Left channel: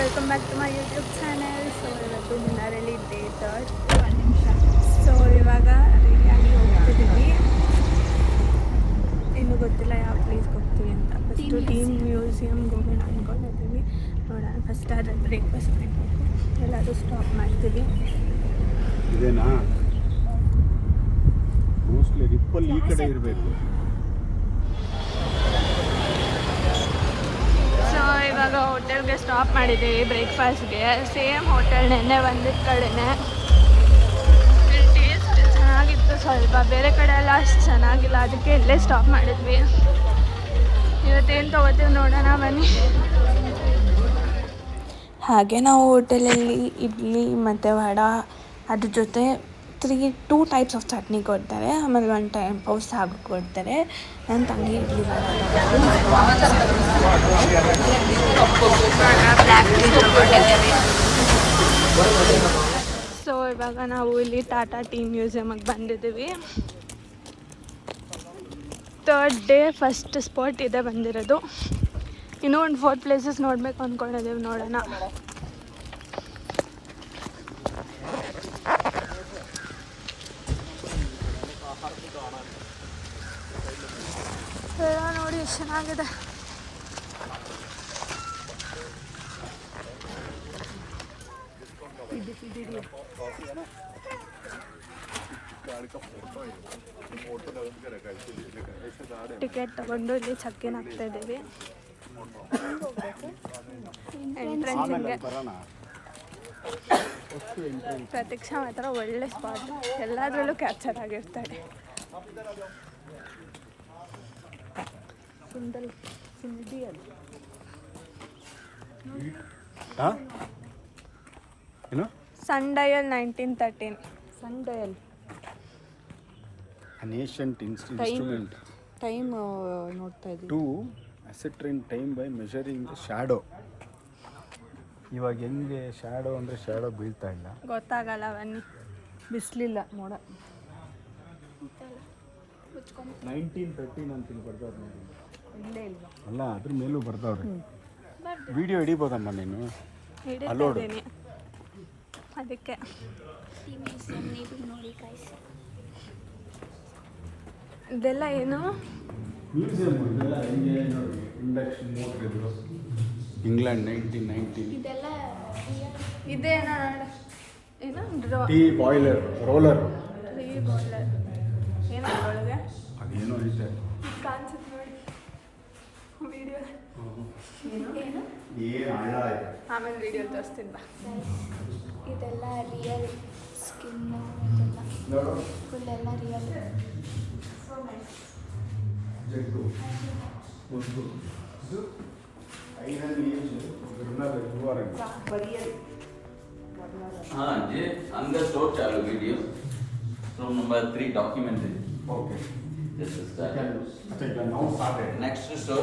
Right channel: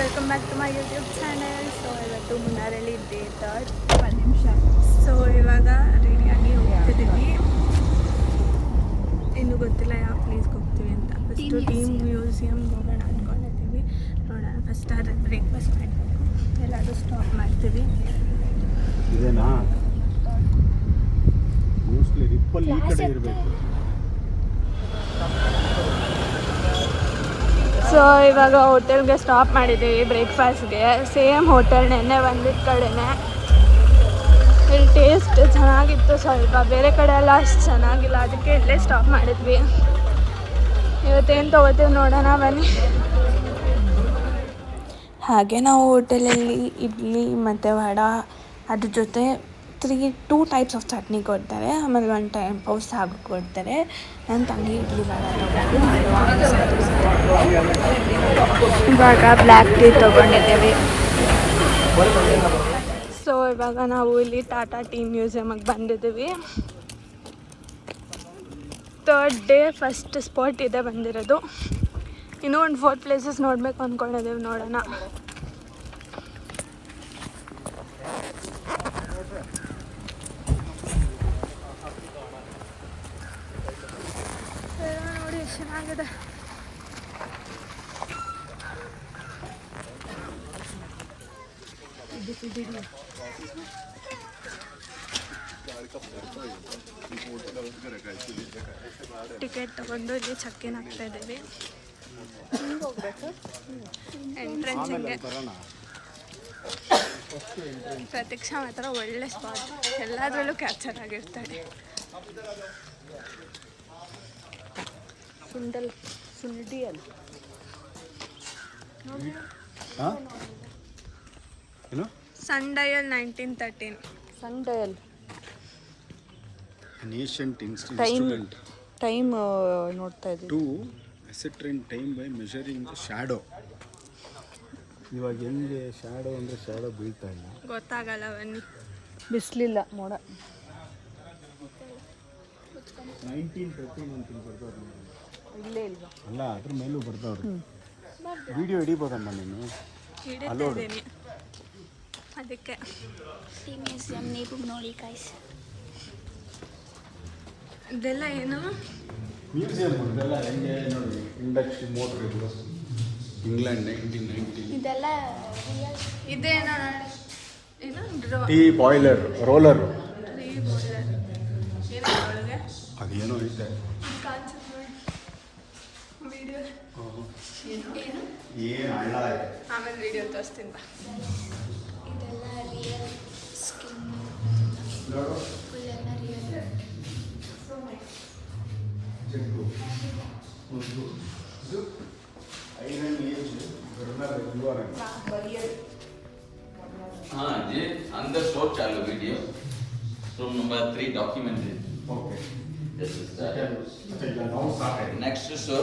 Welcome back to my YouTube channel. So ಇವತ್ತು ಮುನ್ನಾರಲ್ಲಿ day 3. So ಇವಾಗ ರೆಡಿಯಾಗಿ ಹೋಗ್ತಿದ್ದೀವಿ. ಇನ್ನೂ ಗೊತ್ತಿಲ್ಲ ಯಾವ ಪ್ಲೇಸ್ಗೆ ಹೋಗ್ತೀವಿ ಅಂತ. ಫಸ್ಟು ಟೀಮ್ ಮ್ಯೂಸಿಯಮ್ಗೆ ಹೋಗೋಣ ಅಂದ್ಕೊಂಡಿದ್ದೀವಿ. ನೋಡೋಣ, ಫಸ್ಟ್ ಆದರೆ ಬ್ರೇಕ್ಫಾಸ್ಟ್ ಮಾಡಬೇಕು. ಎಲ್ಲಾದರೂ ಸ್ಟಾಪ್ ಮಾಡ್ತೀವಿ. ಇದೇನಾ ಮೋಸ್ಟ್ಲಿ ರಿಪ್ಪಲ್ ಈ ಕಡೆ ಇರಬೇಕು. ಸೊ ಇವಾಗ ಹೋಟೆಲ್ಗೆ ಸ್ಟಾಪ್ ಮಾಡಿದ್ದೀವಿ ಬ್ರೇಕ್ಫಾಸ್ಟ್ಗೆ. ಸೇಮ್ ಹೋಟೆಲ್ ನೆನ್ನೆ ಬಂದಿದ್ದ ಕಡೆನೇ. ಇಲ್ಲಿ ಟೇಸ್ಟ್ ಚೆನ್ನಾಗಿತ್ತು, ಸ್ವಲ್ಪ ಬೇರೆ ಕಡೆ ಎಲ್ಲ ಅಷ್ಟು ಚೆನ್ನಾಗಿಲ್ಲ, ಅದಕ್ಕೆ ಇಲ್ಲೇ ಸ್ಟಾಪ್ ಮಾಡಿದ್ವಿ. ಇವತ್ತೇನು ತೊಗೋತೀವಿ ನೋಡೋಣ ಬನ್ನಿ. ಹಾಗೆ ನಾವು ಹೋಟೆಲಲ್ಲಿ ಇಡ್ಲಿ ಮತ್ತು ವಡ, ಅದ್ರ ಜೊತೆ 2 ಟೈಪ್ಸ್ ಆಫ್ ಚಟ್ನಿ ಕೊಡ್ತಾರೆ. ಆಮೇಲೆ 1 ಟೈಪ್ ಆಫ್ ಸಾಗು ಕೊಡ್ತಾರೆ. ನನ್ನ ತಂಗಿ ಇಡ್ಲಿ ವಡ ತೊಗೊಂಡು ಇವಾಗ ಬ್ಲ್ಯಾಕ್ ಟೀ ತೊಗೊಂಡಿದ್ದೇವೆ. ಸೊ ಇವಾಗ ನಾವು ಇಲ್ಲಿ ಟಾಟಾ ಟೀ ಮ್ಯೂಸಿಯಮಿಗೆ ಬಂದಿದ್ದೀವಿ. 3rd ಡೇ ಫಸ್ಟ್ ಸ್ಪಾಟ್ ಇದೆ ಬಂದಿರೋದು. ಇನ್ನೂ ಒಂದು 4 ಪ್ಲೇಸಸ್ ನೋಡಬೇಕು ಅಂದ್ಕೊಂಡಿದ್ದೀವಿ, ನೋಡೋಣ. ನೋಡಿ ಎಷ್ಟು ಚೆನ್ನಾಗಿದೆ. ಟಿಕೆಟ್ ತಗೊಂಡು ಇಲ್ಲಿ ಚೆಕ್-ಇನ್ ಆಗ್ತಾ ಇದ್ದೀವಿ. ಎಂಟ್ರೆನ್ಸ್ ಹಿಂಗೆ. ಪ್ರತೀಕ್ಷಾ ಮಾತ್ರ ಒಳ್ಳೆ ಸ್ಪಾಟ್, ಎಲ್ಲದರಲ್ಲೂ ಕ್ಯಾಪ್ಚರ್ ಆಗಿರ್ತಾಳೆ. Sundial 1913. Sundial an ancient instrument time ನೋಡ್ತಾ ಇದ್ದೀವಿ. to ascertain time by measuring the shadow. ಇವಾಗ ಹೆಂಗೆ ಶ್ಯಾಡೋ ಅಂದರೆ ಶ್ಯಾಡೋ ಬೀಳ್ತಾ ಇಲ್ಲ, ಗೊತ್ತಾಗಲ್ಲ ಬನ್ನಿ. ಬಿಸಿಲಿಲ್ಲ ಮೋಡ. 1913 ಅಂತ ಬರ್ದವ್ರು ನೋಡಿ. ಇಲ್ಲೇ ಇಲ್ವಾ? ಅಲ್ಲ, ಅದ್ರ ಮೇಲೂ ಬರ್ದವ್ರು. ವಿಡಿಯೋ ಹಿಡಿಬೋದಣ್ಣ ನೀನು? ಹಿಡಿತಾ ಇದ್ದೀನಿ ಅದಕ್ಕೆ. ಇದೆಲ್ಲ ಏನು? ಮ್ಯೂಸಿಯಂ ಹೆಂಗೆ ನೋಡಿ. ಇಂಡಕ್ಷನ್ ಮೋಟ್ರ್ ಇದು ಇಂಗ್ಲೆಂಡ್ 1919. ಇದೇನೋ ನೋಡಿ, ಏನು tea boiler roller. Tea boiler ಏನೋ ಒಳಗೆ ಅದೇನೋ ಇದೆ. ಏನು ಹಳ್ಳ ಇದೆ. ಆಮೇಲೆ ವಿಡಿಯೋ ತೋರಿಸ್ತೀನಿ ಬಾ. ನೋಡು ಜಗ್ಗು ಒಂದು ಇದು ಐರನ್ ಏಜ್ हाँ जी, अंदर शो चालू video from number 3 documentary. Okay. Just start. ಮತ್ತೆ ಇಲ್ಲ ನಾವು start Next show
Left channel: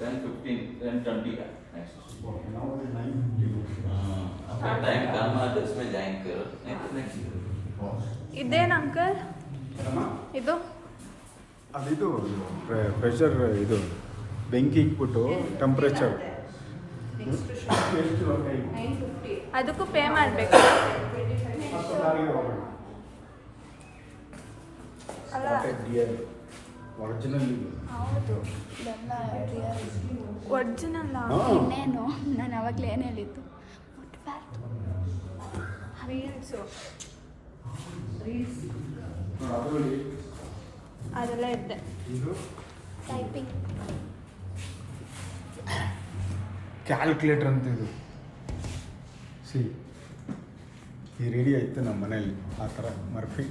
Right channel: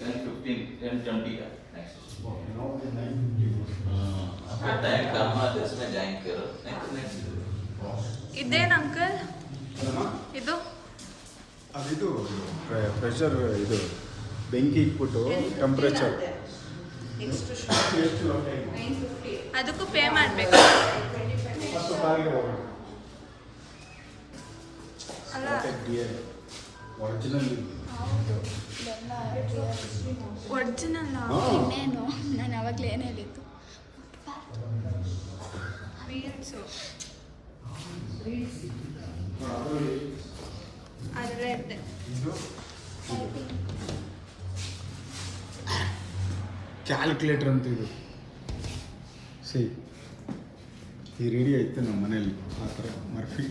10:15 10:20 next. Okay. ನಾವು 9:50. आपका टाइम कम है, 10 में लाइन करो. नेक्स्ट ಇದೇನು ಅಂಕಲ್ ಇದು? ಅದಿದು ಪ್ರೆಷರ್, ಇದು ಬೆಂಕಿ ಇಟ್ಬಿಟ್ಟು ಟೆಂಪ್ರೇಚರ್ ಎಷ್ಟು ಟೈಮ್ ಅದಕ್ಕೂ ಪೇ ಮಾಡಬೇಕು ಅಲ್ಲ? ಒರಿಜಿನಲ್ ಒರಿಜಿನಲ್ ನಾನು ಅವಾಗಲೇ ಏನು ಹೇಳಿದ್ದು. ಅದೆಲ್ಲ ಇದ್ದೆ. ಕ್ಯಾಲ್ಕುಲೇಟರ್ ಅಂತ ಇದು ಸಿ ಈ ರೆಡಿ ಆಯಿತು ನಮ್ಮ ಮನೇಲಿ. ಆ ಥರ ಮರ್ಫಿ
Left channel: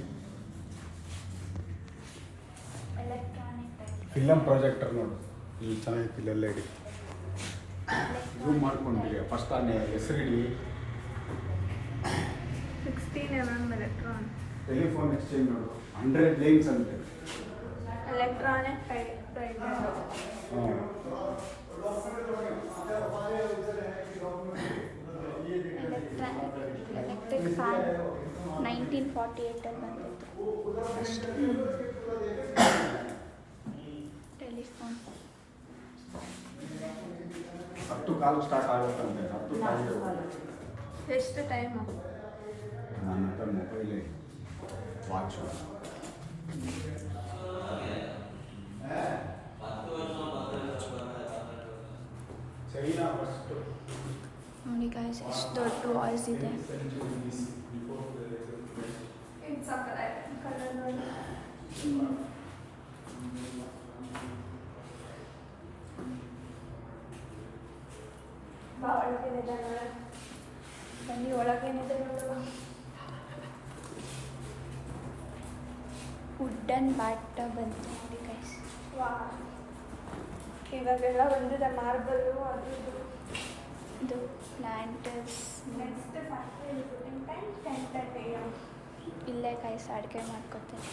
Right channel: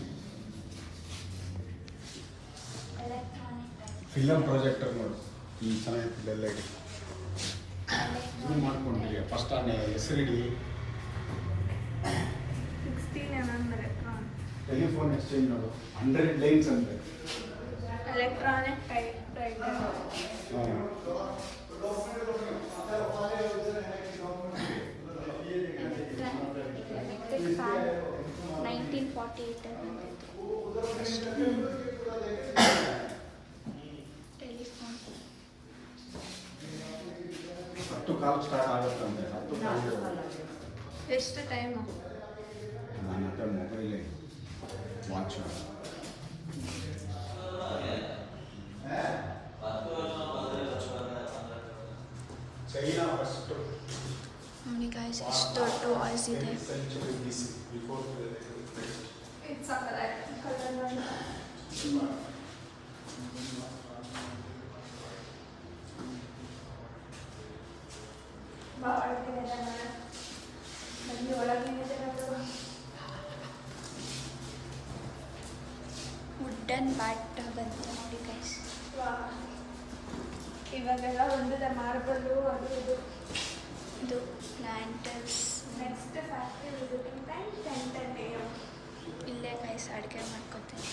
ಫಿಲಮ್ ಪ್ರಾಜೆಕ್ಟರ್ ನೋಡು, ಈ ಚೆನ್ನಾಗಿತ್ತು. ಎಲ್ಲ ಇಡಿ ಝೂಮ್ ಮಾಡ್ಕೊಂಡಿರಿ. ಫಸ್ಟ್ ಹೆಸರಿಡಿ. 16mm electron. ಟೆಲಿಫೋನ್ ಎಕ್ಸ್ಚೇಂಜ್ ನೋಡು, 100 ಲೈನ್ಸ್ ಅಂತೆ. Electronic typewriter. ಹಾಂ. Electric fan 1948 telephone call start ಆಗುತ್ತಂತೆ 10 ಕಾಲು. ಎಷ್ಟು ಟೈಮು? ನನ್ನ ಹತ್ರ ಮೊಬೈಲೇ ವಾಚ್. China first. ನೋಡಿ ಗಾಯ್ಸ್ ಎಷ್ಟು ದೊಡ್ಡ ವಾಯ್ಸ್ ಇದೆ. ವುಡ್ಡನ್ ಬ್ಯಾಟ್ ಬಂತು ನೋಡಿ ಗೈಸ್. ಇವಾಗೆಲ್ಲ ಒಂದಿದೆ ಮಾರ್ಬಲ್ ಅದು ಇದು. ಇದು planters. Next factory visiting time 10:30 AM. ಇಲ್ಲೇ ಗೈಸ್ ಅಡುಗೆ ಮಾಡ್ಕೊತೀನಿ.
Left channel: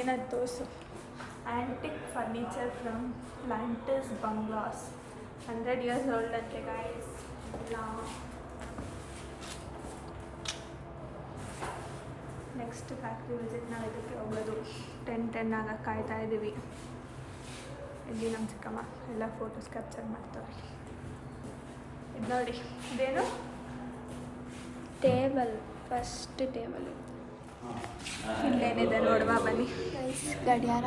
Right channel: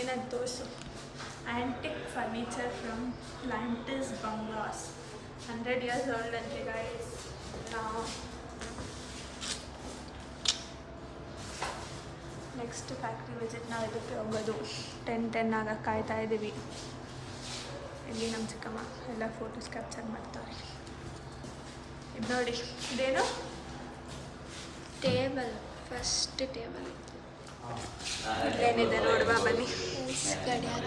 ಏನದು dosa. Antique furniture from planters bungalows. 100 years old ಅಂತೆ ಗೈಸ್. ನೆಕ್ಸ್ಟ್ ಫ್ಯಾಕ್ಟ್ರಿ ವಿಸಿಟ್ ನಾವು ಇದಕ್ಕೆ ಹೋಗೋದು 10:10 ಆಗ ಕಾಯ್ತಾ ಇದ್ದೀವಿ. ಇಲ್ಲಿ ನಮ್ಮ ಚಿಕ್ಕಮ್ಮ ಎಲ್ಲ ಫೋಟೋಸ್ ಕ್ಯಾಪ್ಚರ್ ಮಾಡ್ತಾರೆ. ಇದು ನೋಡಿ, ಇದೇನು ಟೇಬಲ್, ಫಸ್ಟ್ ಟೇಬಲ್. ಇಲ್ಲೇನಿದೆ ನೋಡುವ ಬನ್ನಿ. ಗಡಿಯಾರ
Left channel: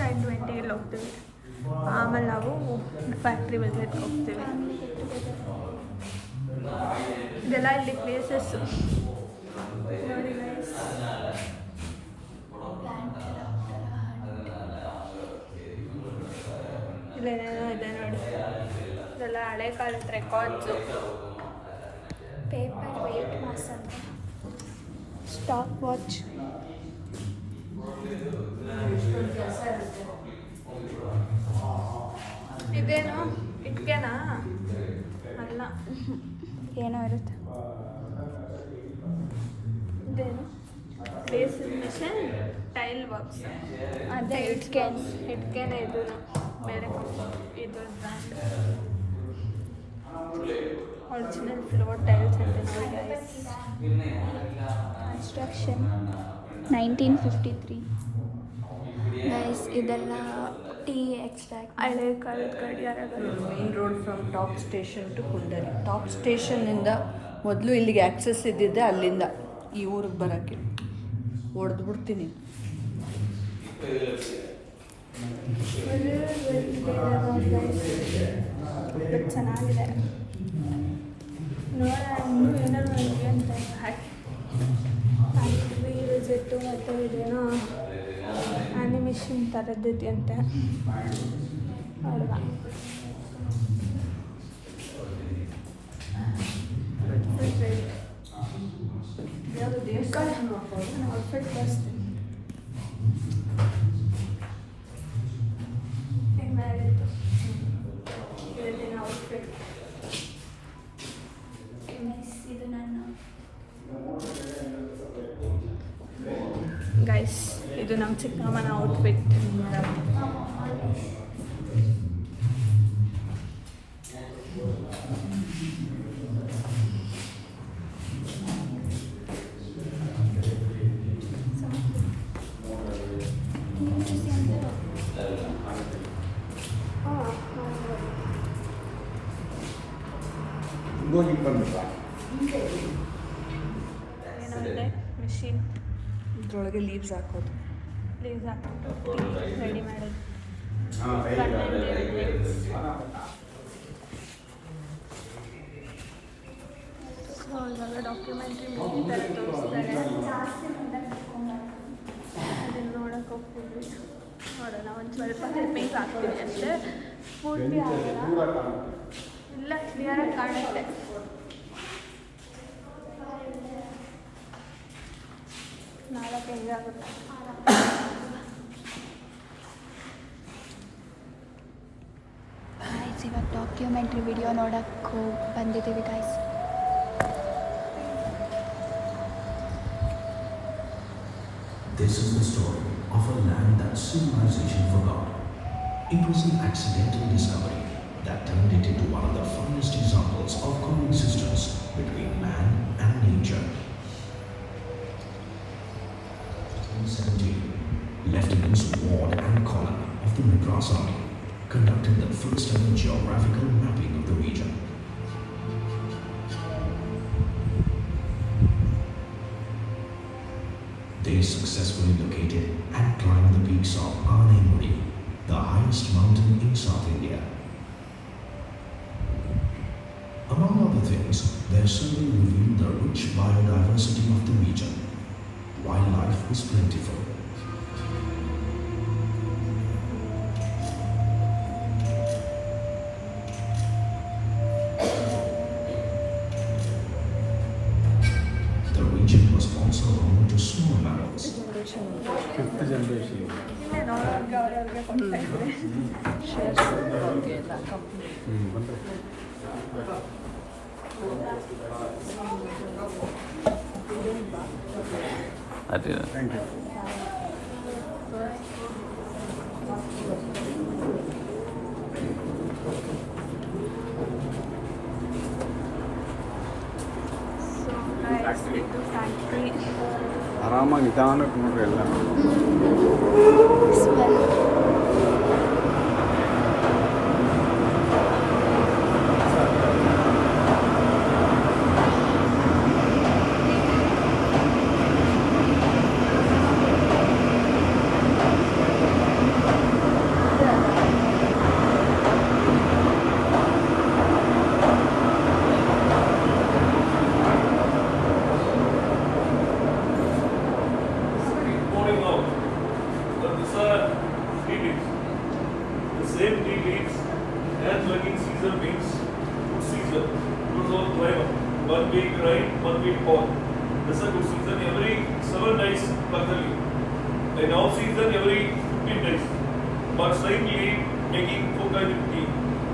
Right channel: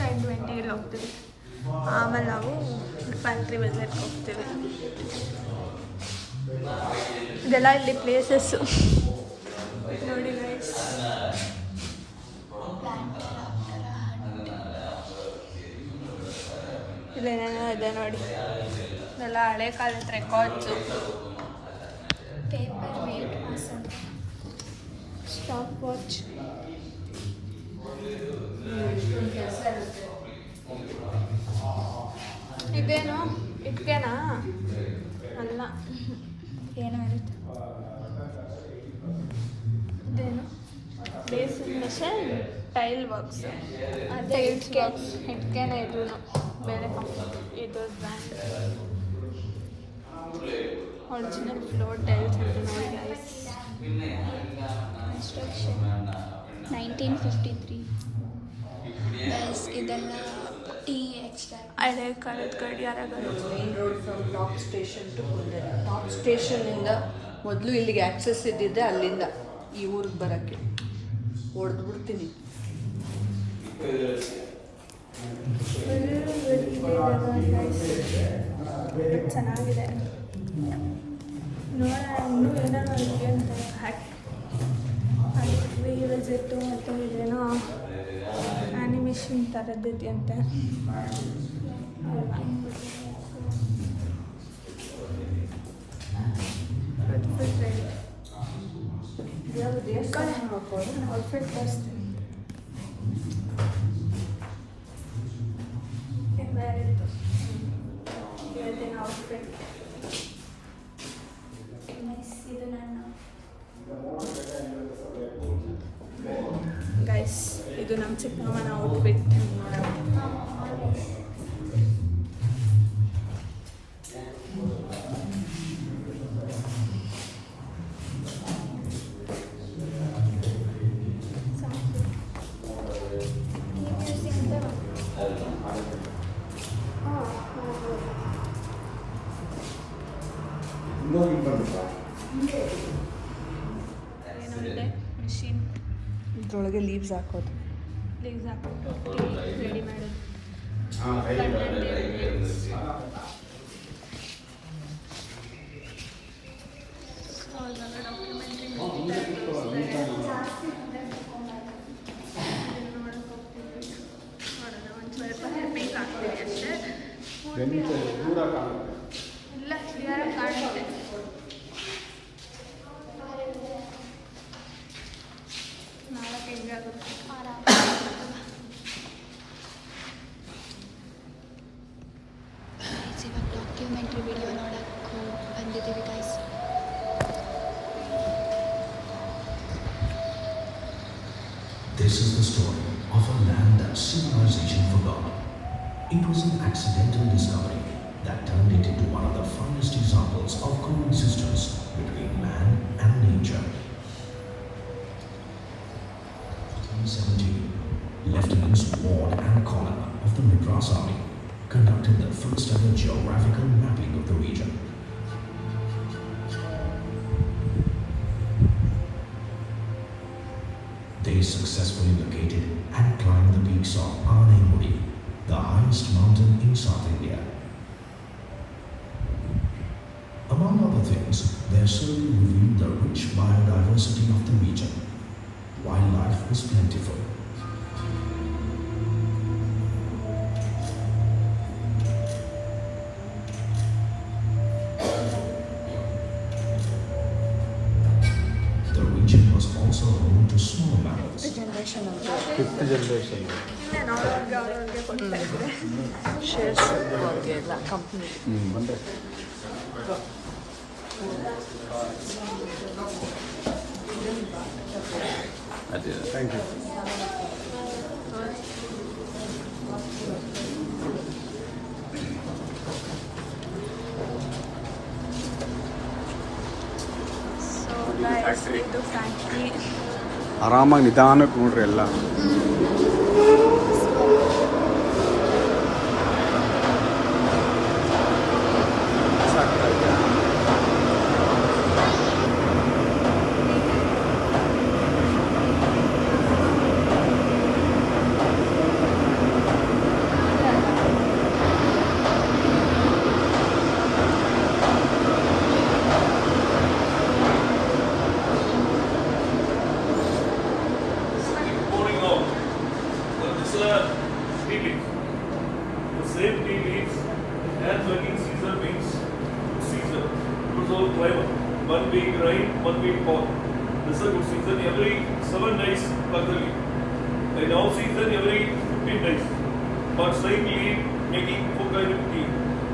10:20 ಹೋಗ್ತೀವಿ. ಆಮೇಲೆ ನಾವು ಫ್ಯಾಕ್ಟ್ರಿ ವಿಸಿಟ್ಗೆ ಹೋಗ್ತೀವಿ. ಇದೆಲ್ಲ ಇಲ್ಲಿ ಪ್ಲೇಸಸ್ಸು ನೋಡಿ ಗೈಸ್. ಇಲ್ಲೇನೇನೋ ಇದೆ ನೋಡಿ. ಇದೆಲ್ಲ ಹಳೆ ಕಾಲದ records. Paper weight muscle, stopwatch. ಇದೇನು ಇಟ್ಕೆನಾ? ಅಲ್ಲ, ಏನೋ ಇರುತ್ತೆ. ಇದೇನು ಬೇಸಿನ್ ಮಿಷನ್, ಟೈಲ್ ವರ್ಕ್ಸ್. ಅದೇ ಇಟ್ಕೆನೇ ಇದು ಬೇರೆ ಇದು ಬ್ರ್ಯಾಂಡ್. ಒರಿಜಿನಲ್ ಫ್ಲೋರ್ ಟೈಲ್ಸ್ ಅಂತ ನೋಡಿ ಗೈಸ್. ಕನ್ಸ್ಟ್ರಕ್ಷನ್ 1953. ಗೈಸ್ ಇದೆಲ್ಲ ಟೀ ಎಕ್ಸ್ಟ್ರಾಕ್ಟ್. ಹಳೆ ಕಾಲದ ಗಡಿಯಾರಗಳು. Main road from top station to Kundari. Top ಸ್ಟೇಷನಿಂದ ಮೊದಲು ಇಲ್ಲಿಗೆ ಆ್ಯಕ್ಸಸ್ ಇದ್ದಿದ್ದೆ, ಅಲ್ಲಿಂದ ಈ ಊರಿಗೆ ಬರೋಕ್ಕೆ ಹೊಡೆದು ಬಿಡ್ತೀನಿ. ಬಟ್ ಚೆನ್ನಾಗಿದೆ ನೋಡ. ಇನ್ನೂ ಏನೇನೋ ಇದೆ ಅಂತ ಫ್ಯಾಕ್ಟ್ರಿ ವಿಸಿಟ್ಟು ಮತ್ತು ಇದೇನೋ ಆ್ಯನಿಮೇಷನ್ ಥರದ್ದಿದೆ ಅಂತೆ ಅಲ್ವಾ. Outfit ready. ನಾನು ಔಟ್ಫಿಟ್ ತೋರಿಸ್ತೀನಿ. ಔಟ್ಫಿಟ್ ಇದು ನನ್ನ ಗೈಸ್, ಇದು ನಮ್ಮ ಚಿಕ್ಕಮ್ಮನ ಔಟ್ಫಿಟ್. ಏನೋ ಇದೆ ಮಿಷಿನ್. ಇದ್ರೊಳಗೆ ಲೀವ್ಸ್ ಹಾಕೋದು. ಲೀವ್ಸ್ ಹಾಕ್ಬಿಟ್ಟು ಟೀ ರೆಡಿ ಮಾಡೋದು. ಸೊ ಇವಾಗ ಡಾಕ್ಯುಮೆಂಟ್ರಿ ಮೂವಿ ಥರ ತೋರಿಸ್ತಾರೆ. ಅದನ್ನು ನೋಡೋಕೆ ಹೋಗ್ತಿದ್ವಿ. ನೋಡೋಣ, ಒಂದು ಸ್ವಲ್ಪ ಹೆಲ್ಪಿಂಗ್ ಆಗ್ತೀನಿ ಅಷ್ಟೇ, ಪೂರ್ತಿ ಆಗಲ್ಲ. ಇಲ್ಲ, ಕ್ಲಿಯರಾಗಿ ಕಾಣುತ್ತೆ. ನಾಳೆ ಹೆಂಗೆ ಆಗುತ್ತೆ. ಇವಾಗ ಡಾಕ್ಯುಮೆಂಟ್ರಿ ವಿಡಿಯೋ ನೋಡೋಕ್ಕೆ ಬಂದಿದ್ದೀವಿ guys. This is the story of a land that civilization forgot. It was an accidental discovery that turned it into one of the finest examples of coexistence between man and nature. 1917, Lieutenants Ward and Collin of the Madras Army conducted the first ever geographical mapping of the region. They successfully located and climbed the peaks of Anaimudi, the highest mountain in South India. Among other things, their survey revealed the rich biodiversity of the region. Wildlife was plentiful. The region was also home to small mammals. Fifth generation. ಇನ್ನೇನು ಅವ್ರವ್ರಿಗೆ ಕೊಡ್ತಾ ಇದ್ರೆ shares ಎಲ್ಲ company. ಅದೇ thank you. So guys ಇದು factory. ಆರಾಮಾಗಿ ನಿಧಾನಕ್ಕೆ ನೋಡ್ರಿ ಎಲ್ಲ. Pouring out. So these are tea leaves. The same tea leaves and working Caesar means Caesar. It was all clever. One being right, one being poor. This is a good season. Every 7 days pluck the leaf. In off season every 15 days. But slightly making 4 kinds of tea.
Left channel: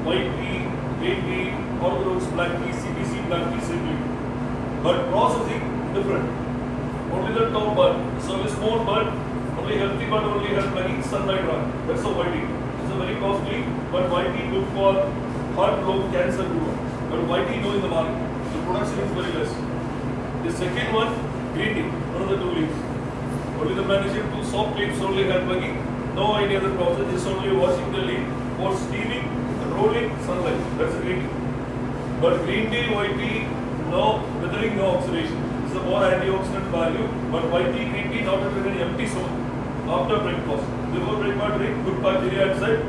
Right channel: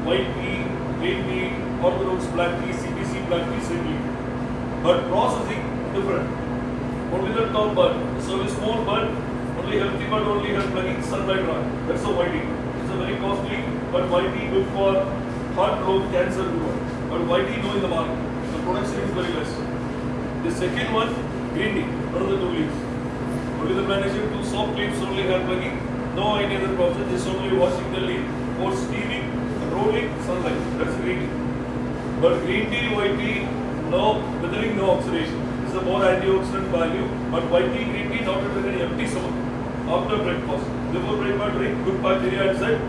White tea, green tea, orthodox black tea, CPC black tea, simply. But processing different. Only the top bud. So a small bud, only healthy bud, only has plugging sunlight run. That's a white tea. It's a very costly, but white tea good for heart block, cancer, good one. But white tea no in the market. The production is very less. The second one, green tea, one of the 2 leaves. Only the plantation 2 soft leaves only have plugging. No any other process, just only washing the leaf for steaming, rolling, sunlight. That's a green tea. But green tea, white tea, no withering, no oxidation. It's a more antioxidant value, but white tea, green tea, not with any empty stomach. After breakfast, before breakfast, drink good bacteria inside,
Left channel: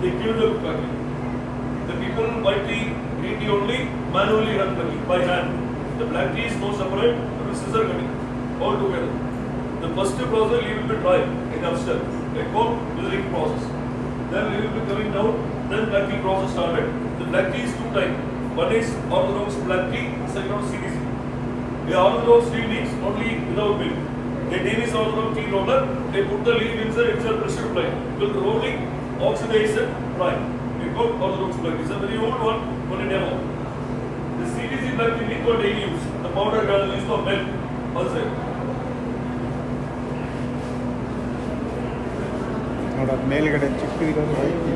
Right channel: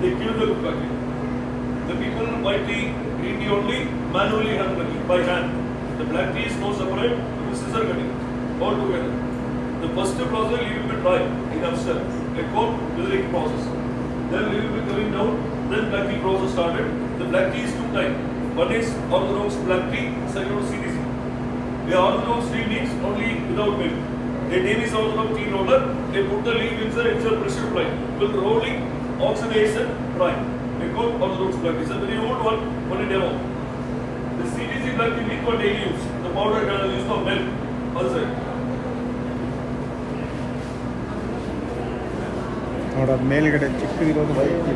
they kill the good bacteria. The people white tea, green tea only, manually hand plugging, by hand. The black tea is no separate, with scissor cutting, all together. The first process, leave it to dry in upstairs, a cold withering process. Then leave it to coming down, then black tea process started. The black tea is 2 types. One is orthodox black tea, second is CDC. The orthodox tea leaves only without milk. Their name is orthodox tea roller. They put the leaf inside extra pressure plate. With rolling, oxidation, dry. They call orthodox black tea. It's a very old one, only demo. The CDC black tea leaf for daily use. The powder can use for milk outside. ನೋಡೋ ಮೇಲ್ಗಡೆ ಚಿಕ್ಕದಿರೋದು ಐತೆ.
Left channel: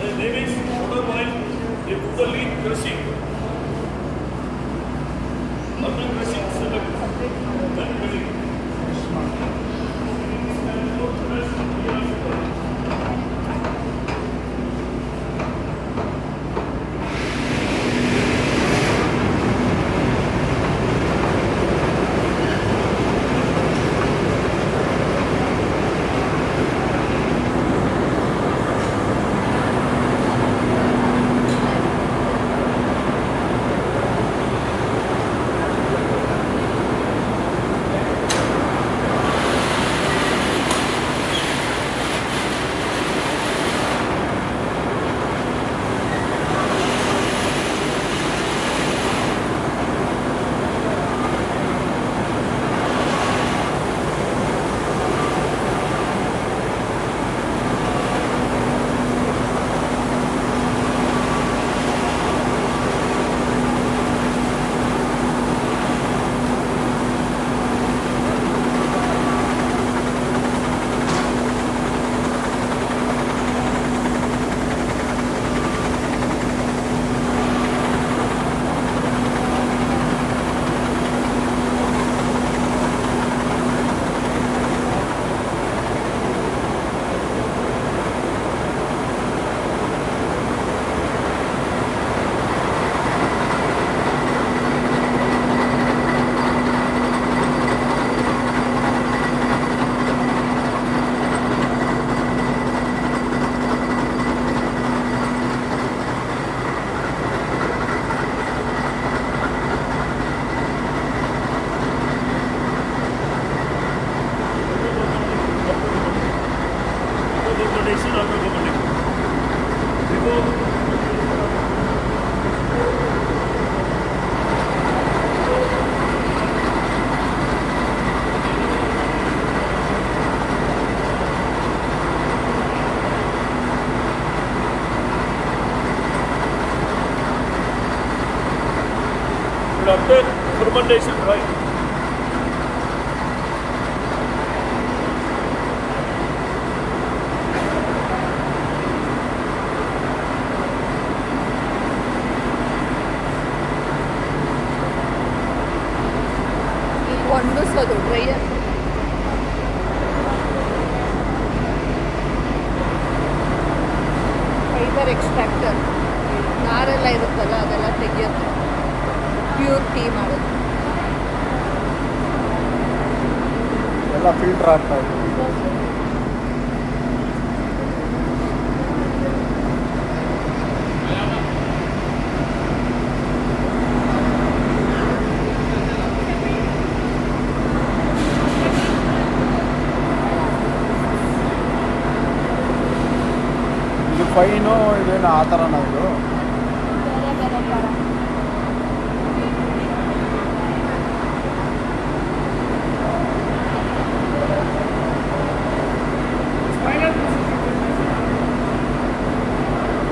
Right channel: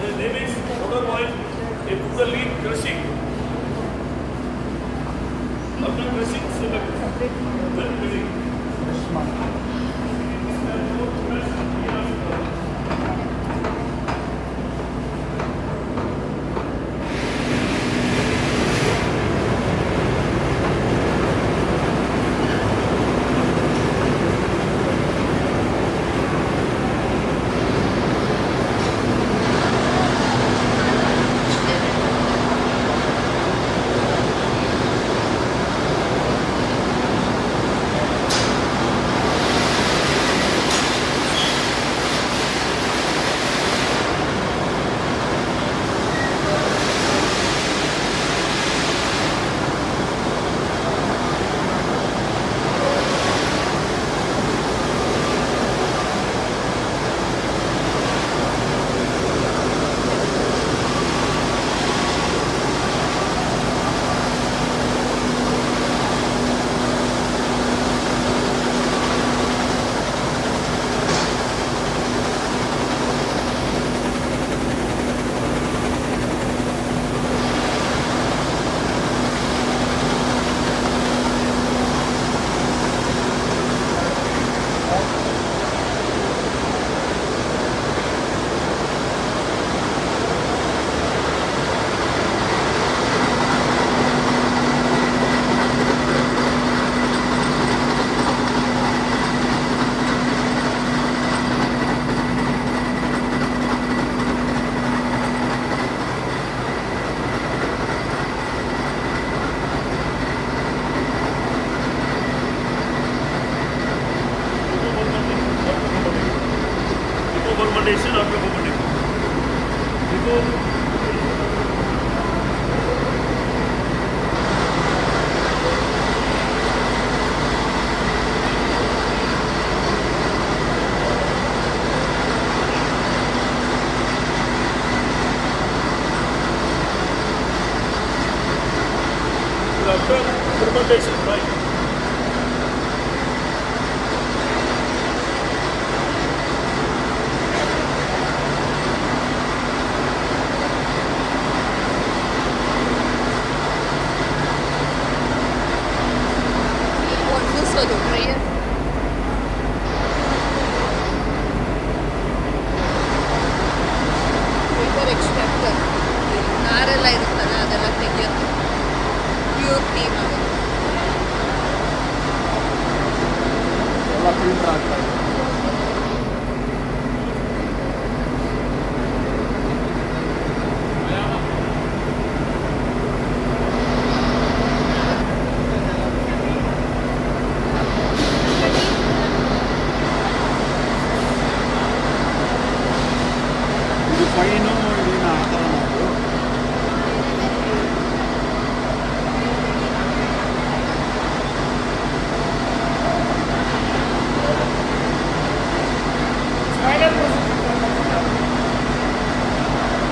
The name is water wine. They put the leaf crushing. After crushing, select. Then crushing. fermentation after fermentation. Before after fermentation, right? ಒಂದು ಸಲ prayer. Paper extractor. ನಾರೆಲ್ಲ ಇರುತ್ತಲ್ಲ ಅದೆಲ್ಲ ತೆಗಿಯೋದು pure tea ಮಾಡೋದು. ಎಲ್ಲ ಫಿಲ್ಟರ್ ಆಗ್ತಾ ಇದೆ. ಇದು ಫೈನು ಇದೇನು ಆ ಥರನ ಇದು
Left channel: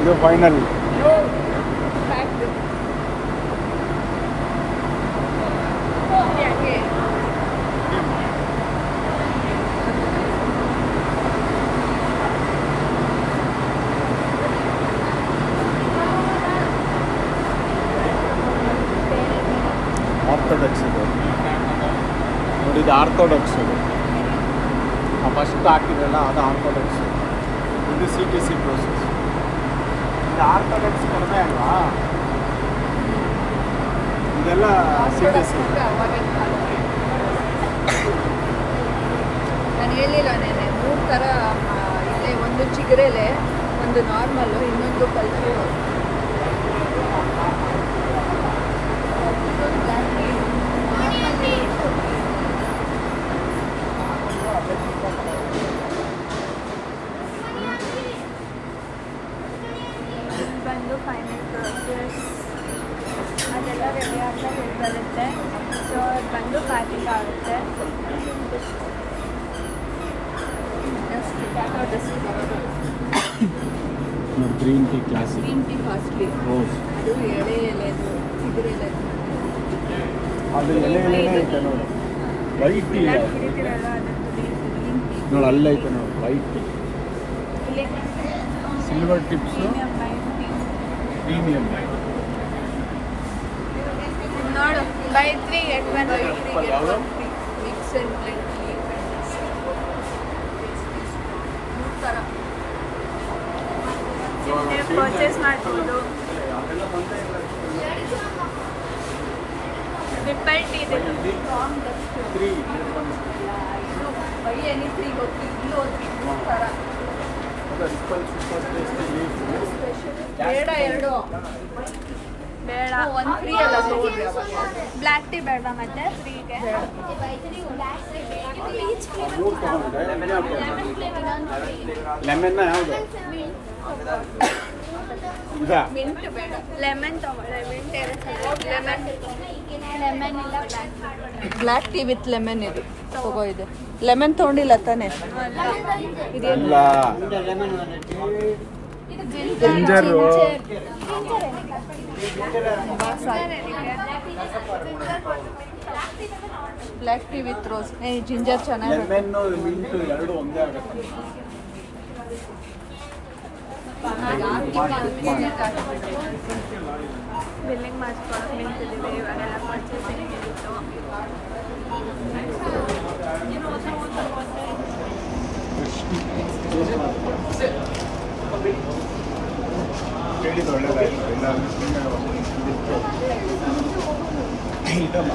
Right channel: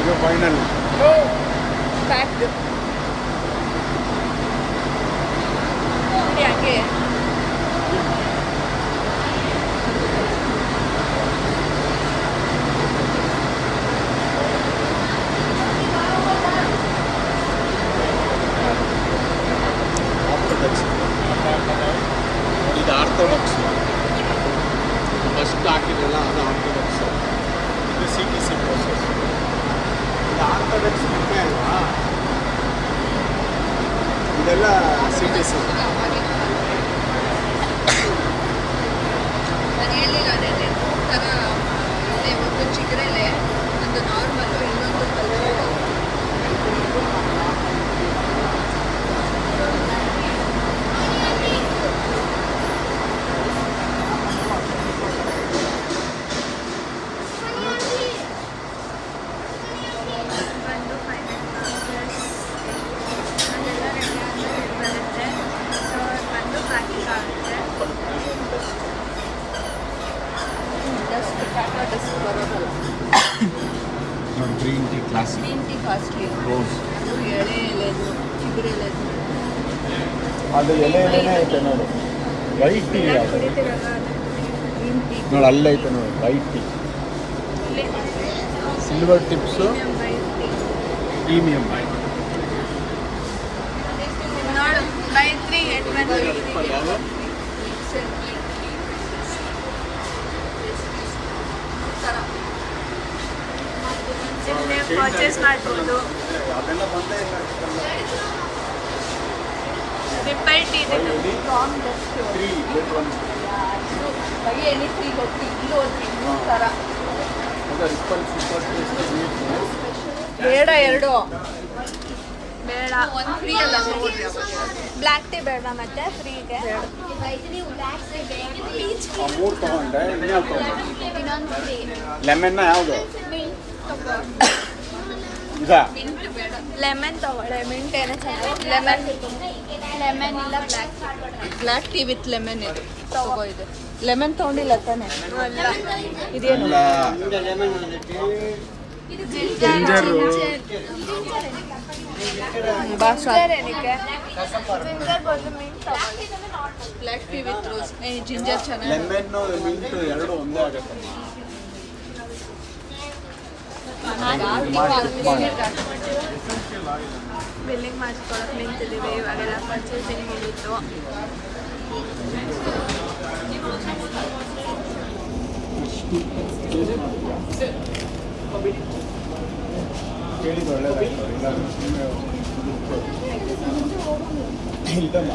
ಇದು ಫೈನಲ್. Packed. ಯಾಕೆ ಇದು ಆರ್ಥೋಡಾಕ್ಸ್. ಫಸ್ಟ್ ಹಾಕಿರಲ್ಲ ಅದು ಆರ್ಥೋಡಾಕ್ಸ್. ಇದು CTC ಪ್ರೋಸೆಸ್. ಇದು ಆರ್ಥೋಡಾಕ್ಸ್ ಕಡಿಮೆ ಅಲ್ವಾ? ಇದೆಲ್ಲ CTC. ನಾನು ಹೇಳಿಲ್ಲ ನೆನೆ 3 ಥರ ಇದೆ. ಒಂದು ಚಿಗುರೆಲೆ, ಒಂದು ನಾರ್ಮಲ್ಲು, ಇನ್ನೊಂದು ಪಲ್ಲೆ. ಬಂದು ಫೈನಲ್ ಪ್ರೋಸೆಸ್ ಅದೆಲ್ಲ ರೆಡಿ ಆದಮೇಲೆ ಇದು ಬರುತ್ತೆ. ಸೊ ಅದು ಬಂದು ಪ್ಯಾಕಿಂಗ್ ಆಗುತ್ತೆ. ಜಸ್ಟ್ ಕಾಸ್ಟ್ ಬರೋದು. Green tea classic green tea costly. Rose. ಅದು ಎಳೆ ಎಲೆದು ಚಿಗುರೆಲೆ. ಅದು ಎಲೆ ಎಲೆನೇ ಐತೆ ನೋಡಿ. ವೈಟ್ ಟೀ ಎಲ್ಲ ಕುಡಿತೀರಲ್ಲ ಅದ್ರ ಗ್ರೀನ್ ಟೀ ನೋಡಿ, ಅಲ್ಲೈತೆ ನೋಡಿ ವೈಟ್ ಟೀ. ಇಲ್ಲಿ ಸಿಲ್ವರ್ ಟಿಪ್ಸು ಪ್ರೀಮಿಯಮ್. ನೋಡು ಬೈಕ್ರಿ ಎಟ್ ಬಂದು ಮಿಕ್ಸ್ ಅಂಡ್ ಬ್ಲೆಂಡ್ ಥರ. ನೀವು ಪರ್ಚೇಸ್ ಮಾಡ್ಬೋದು. ರಿಪ್ಪಲ್ ಟೀ ಇದು. ಎನಿಥಿಂಗ್ ಒತ್ತಿ ಇಲ್ಲೂ ಒತ್ತಿ ಥರ ಬೇಡ. ಎರಡು ಬೇಡ, ಒಂದು ಫ್ರೀ ಅಲ್ಲ ತಗೊಳ್ರಿ ಅವಾಗ. ಬ್ಲ್ಯಾಕ್ ಟೀ ಬೇಡ ಮತ್ತೆ ಫ್ರೀಗೆ. ಲೆಮನ್ನ ಯಾವುದು? ಇದಾ? ಮಿಂಟ್ ಬೇಡ. ಲೆಮನ್ ತಗೊಳ್ಳೆ. ಮಿಂಟ್ ಏನೋ ಚೆನ್ನಾಗಿ ಲೆಮನ್ ಇಲ್ಲ ಬ್ಲ್ಯಾಕ್ ಟೀ ವಿತ್ ಲೆಮನ್ ಇದು ತಗೋ. ಇದು ಲೆಮನ್ ತೊಗೊಂಡಿಲ್ಲ ತಾನೆ? ಅಲ್ಲ, ginger. Black tea with rose. Ginger ಚೆನ್ನಾಗಿ. ಲೆಮನ್ನು ಮಿಂಟು ಎರಡು ಒಂದೇ ಆಗುತ್ತೆ. ಬಿಲ್ಲಿಂಗ್ ಮಾಡಿಸ್ಕೊಳಕ್ಕೆ ನಿಂತಿದ್ದೀವಿ. ಇವಾಗೆಲ್ಲ ಪರ್ಚೇಸಿಂಗ್ ಮುಗೀತು. ಕೇಳಿದ್ದು ಒಳ್ಳೇದಾಯ್ತು. ಇಲ್ಲ ಸುಮ್ಮನೆ ಇಲ್ಲಮ್ಮ.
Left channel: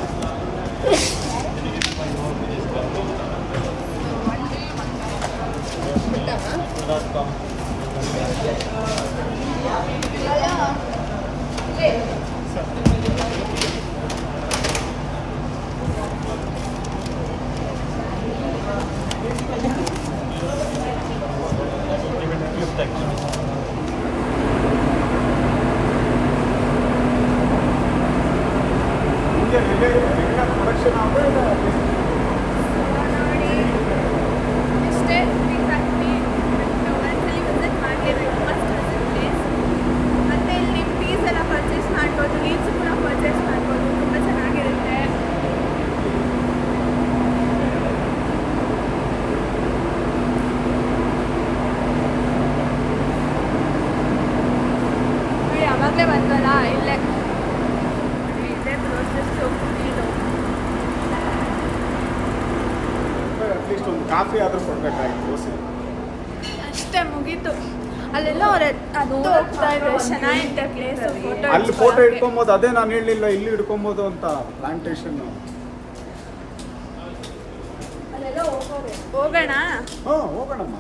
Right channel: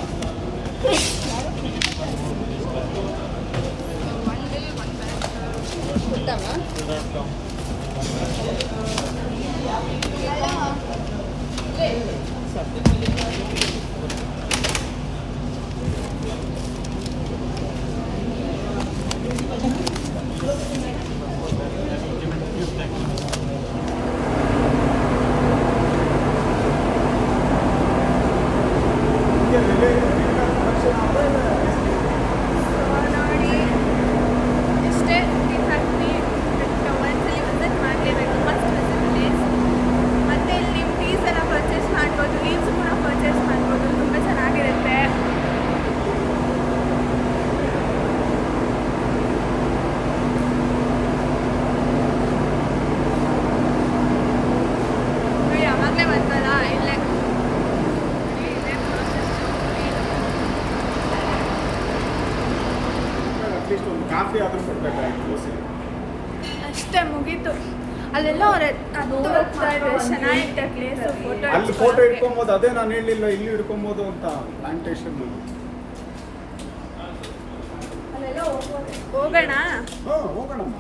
ಕಾಫಿ ಆದರೂ ಕೊಡ್ಬೇಕಾಗಿತ್ತು ದೋಸೆ. ಅಷ್ಟೇ ಮುಗೀತು. ಅಲ್ಲೆಲ್ಲ ಅವ್ರ ಹತ್ತು ಹೋಗ್ತಾ ಇದ್ದಾರೆ, ಚೆನ್ನಾಗಿತ್ತೆ ಪ್ಲೇಸು. ಅಲ್ಲಿ ಫೋಟೋ ಇಟ್ಕೊಬೋದು, ಅದೇ ನಾನು ಹೇಳಲಿಲ್ಲ ಇಲ್ಲಿ ಇಟ್ಕೊಬೋದು ಅಂತ. ಪ್ಲಾಂಟೇಶನ್ ಹೋಗೋಣ. ಹೋಗೋಣಮ್ಮ.